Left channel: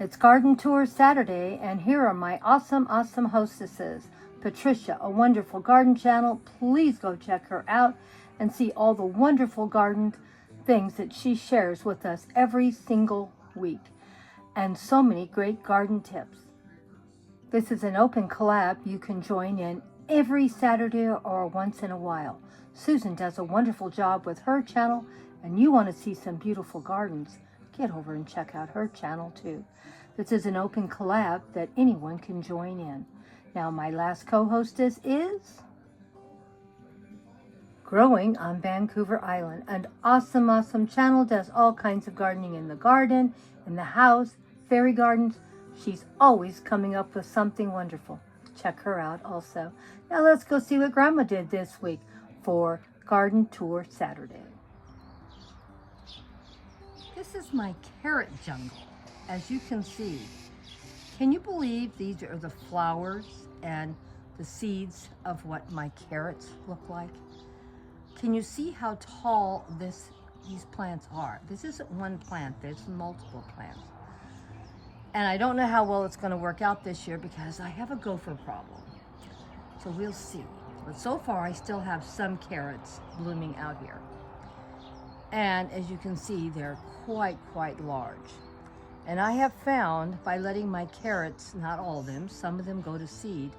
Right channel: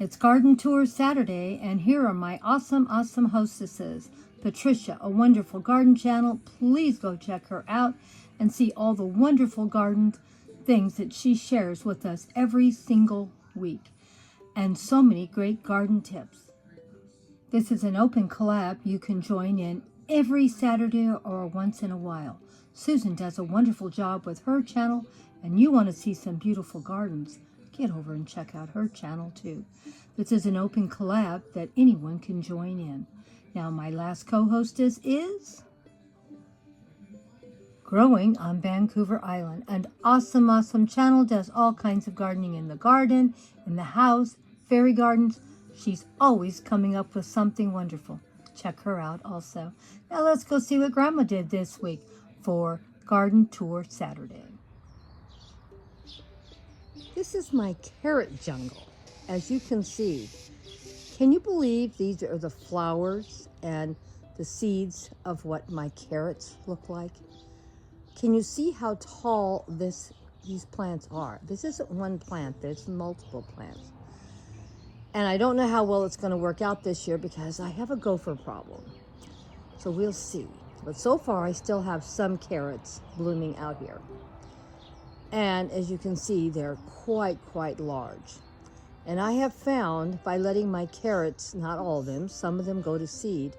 It's Garden Tour Saturday, and here are my awesome hostesses. Patricia, a wonderful garden channel. Please go check her out and see all the wonderful garden things that she shares with us every single week. And so many great garden tips. This is an open collab. You can join in every Saturday or once in a while. Susan does a wonderful job with her channel, and you want to see some beautiful gardens, get over and check out her channel too. This is an open collab that anyone can join in. Now my last co-hostess is Growing on Vancouver Island. An awesome channel, does all kinds of gardening in the garden, in the house, fairy gardens. She's always coming up with something wonderful. Check her out also. Now let's go see what Grandma did this week for Garden Tour Saturday. This is my carrot jungle. As you can see, can you believe these are the flowers and the seeds of what my carrots look like? Can you see how tall these plants are? This isn't one plant, there's multiple plants. And I don't know how well it's going to work out this year because I have a gopher problem. So we'll see. But so far I still have some carrots blooming out here. And as you can see, they're quite large. And I have found by letting my carrots, not all of them, some of them go to seed,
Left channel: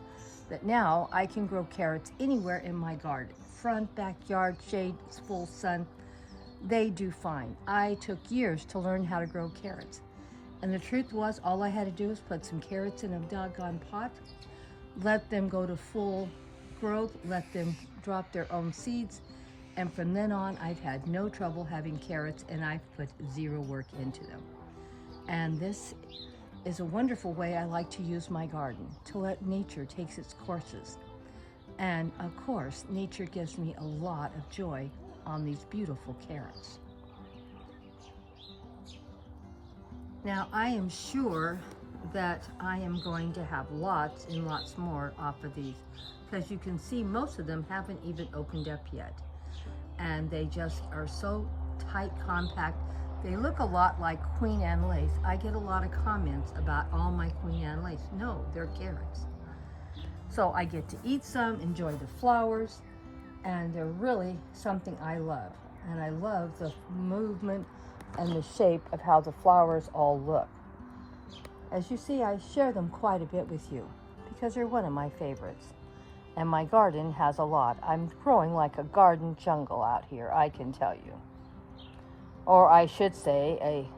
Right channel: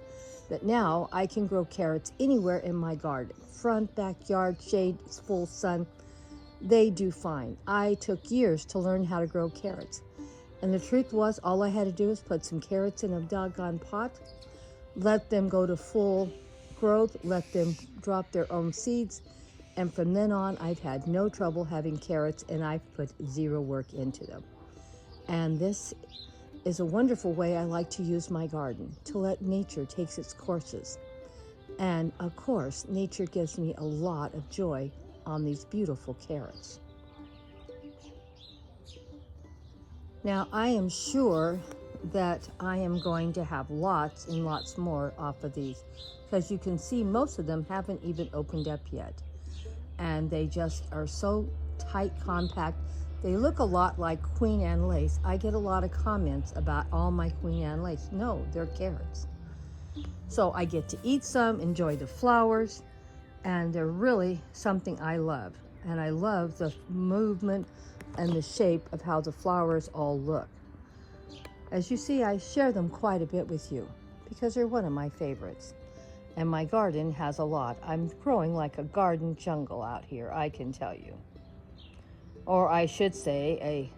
that now I can grow carrots anywhere in my garden. Front, backyard, shade, full sun, they do fine. I took years to learn how to grow carrots. And the truth was, all I had to do was put some carrots in a doggone pot, let them go to full growth, let them drop their own seeds, and from then on, I've had no trouble having carrots, and I've put zero work into them. And this is a wonderful way I like to use my garden, to let nature take its courses. And of course, nature gives me a lot of joy on these beautiful carrots. Now, I am sure that I am going to have lots and lots more off of these, because you can see most of them haven't even opened up yet. And they just are so tight, compact. They look a lot like Queen Anne lace. I get a lot of comments about all my Queen Anne lace. No, they're carrots. So I get to eat some, enjoy the flowers, and they're really something I love. And I love the movement and the shape of how the flowers all look. As you see, I share them quite a bit with you because they're one of my favorites. And my garden has a lot. I'm growing like a garden jungle out here, I can tell you. Or I should say a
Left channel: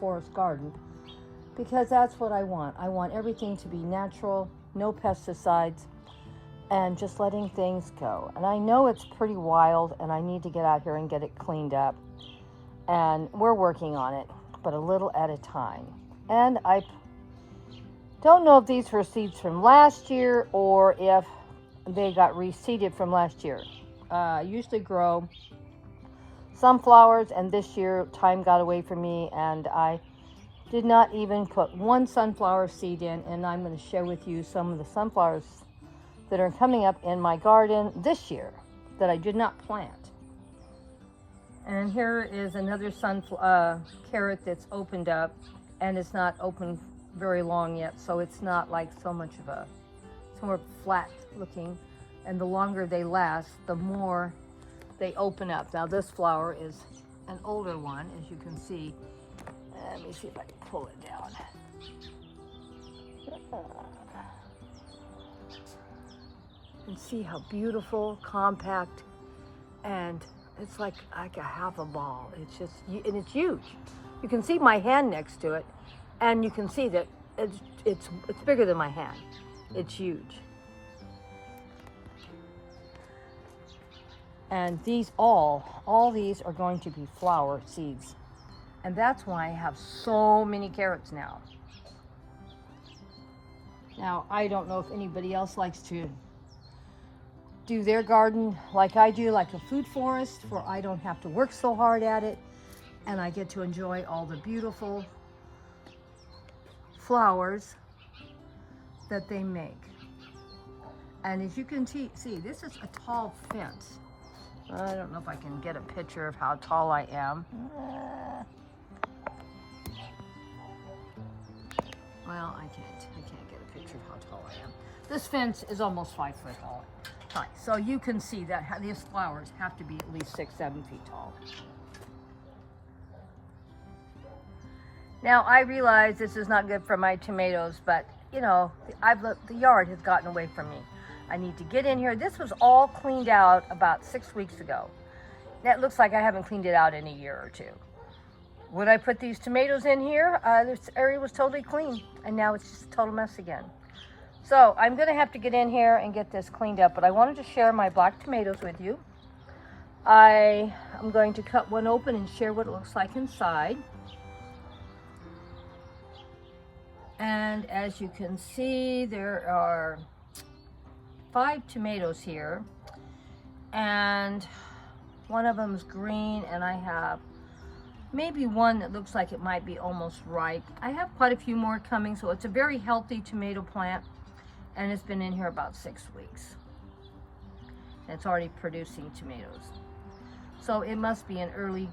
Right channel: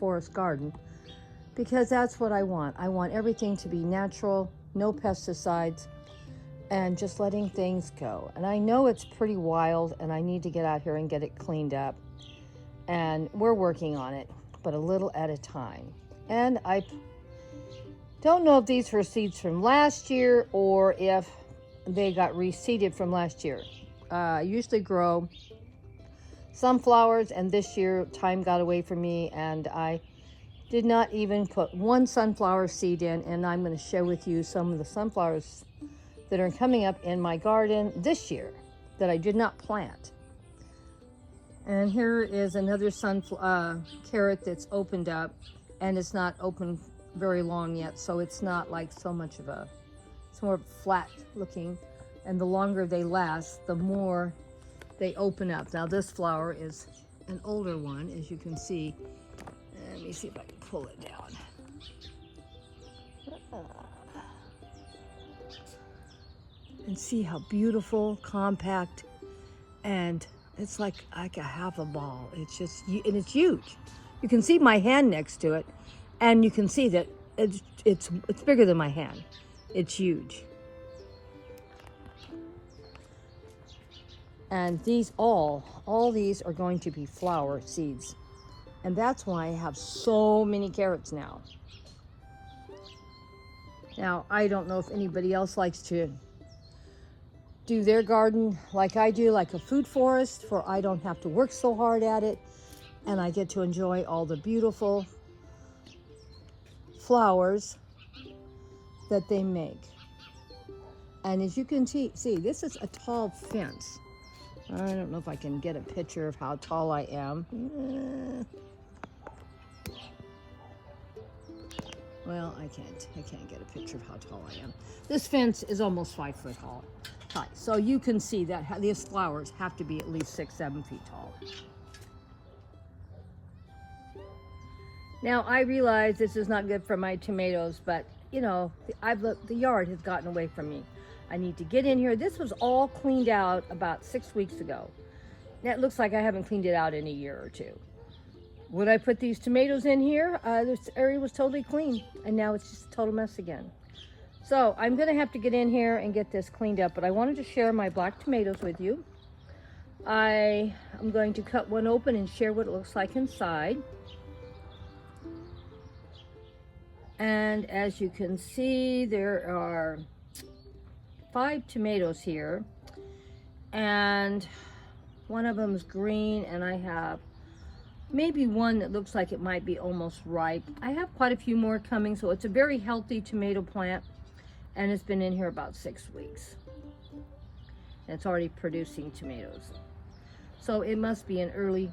forest garden, because that's what I want. I want everything to be natural, no pesticides, and just letting things go. And I know it's pretty wild, and I need to get out here and get it cleaned up. And we're working on it, but a little at a time. And I don't know if these were seeds from last year or if they got reseeded from last year. I usually grow sunflowers, and this year time got away from me, and I did not even put one sunflower seed in. And I'm going to share with you some of the sunflowers that are coming up in my garden this year that I did not plant. And here is another carrot that's opened up, and it's not open very long yet, so it's not like so much of it's more flat looking, and the longer they last, the more they open up. Now this flower is an older one, as you can see. Let me see if I can pull it down. And see how beautiful, compact, and it's like a half a ball. It's just, and it's huge. You can see my hand next to it, and you can see that it's bigger than my hand. It's huge. And these all these are going to be flower seeds. And that's why I have so many carrots now. Now, I don't know if anybody else likes to do their garden like I do, like a food forest, for I don't have to work so hard at it, and I get to enjoy all the beautiful flowers that they make. And as you can see, this is a tall fence. I don't know if I can get a picture of how tall I am. Well, I can't get a picture of how tall I am. This fence is almost 5 foot high. So you can see that these flowers have to be at least 6, 7 feet tall. Now I realize this is not good for my tomatoes, but you know, the yard has gotten away from me. I need to get in here. This was all cleaned out about 6 weeks ago. Now it looks like I haven't cleaned it out in a year or two. When I put these tomatoes in here, this area was totally clean, and now it's just a total mess again. So I'm gonna have to get in here and get this cleaned up, but I wanted to share my black tomatoes with you. I am going to cut one open and share what it looks like inside. And as you can see, there are 5 tomatoes here, and one of them is green, and I have maybe one that looks like it might be almost ripe. I have quite a few more coming, so it's a very healthy tomato plant, and it's been in here about 6 weeks. It's already producing tomatoes. So it must be an early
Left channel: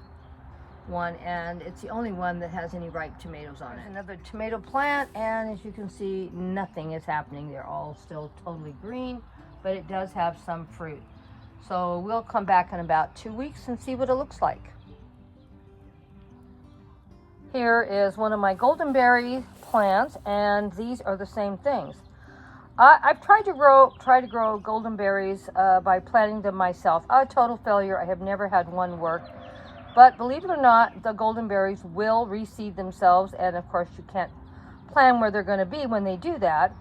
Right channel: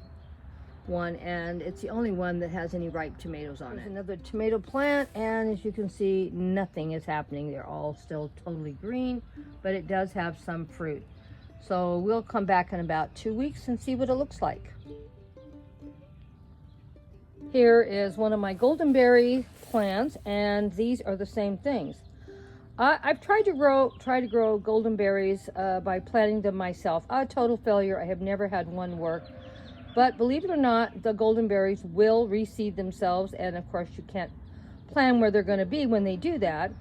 one, and it's the only one that has any ripe tomatoes on it. Another tomato plant, and as you can see, nothing is happening. They're all still totally green, but it does have some fruit. So we'll come back in about 2 weeks and see what it looks like. Here is one of my goldenberry plants, and these are the same things. I've tried to grow goldenberries by planting them myself. A total failure. I have never had one work. But believe it or not, the goldenberries will reseed themselves, and of course you can't plan where they're going to be when they do that.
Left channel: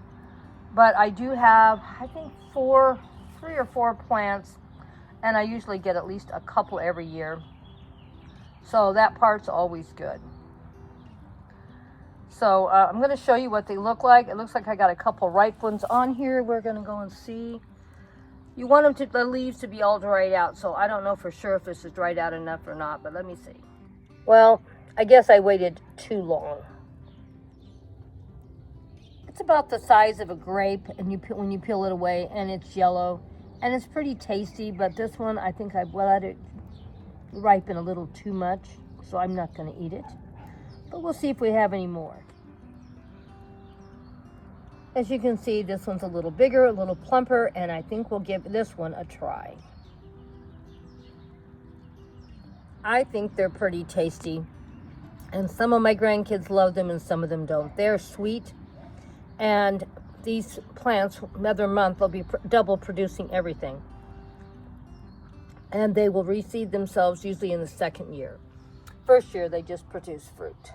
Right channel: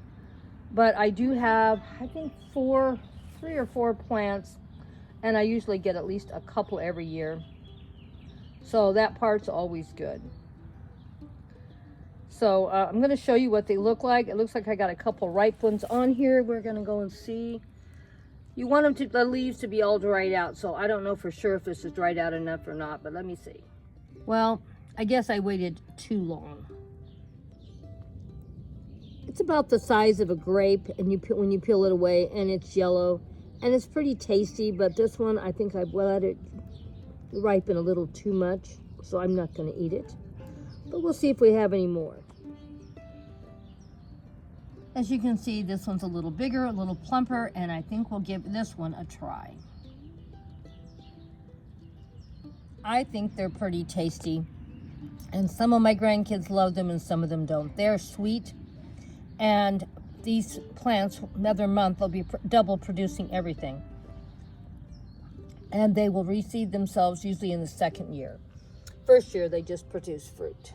But I do have, I think, 3 or 4 plants, and I usually get at least a couple every year. So that part's always good. So I'm going to show you what they look like. It looks like I got a couple ripe ones on here. We're going to go and see. You want the leaves to be all dried out, so I don't know for sure if this is dried out enough or not, but let me see. Well, I guess I waited too long. It's about the size of a grape, and when you peel it away, and it's yellow, and it's pretty tasty, but this one, I think I've let it ripen a little too much, so I'm not going to eat it. But we'll see if we have any more. As you can see, this one's a little bigger, a little plumper, and I think we'll give this one a try. I think they're pretty tasty, and some of my grandkids love them and some of them don't. They're sweet, and these plants, another month, they'll be double producing everything. And they will reseed themselves usually in the 2nd year. First year, they just produce fruit.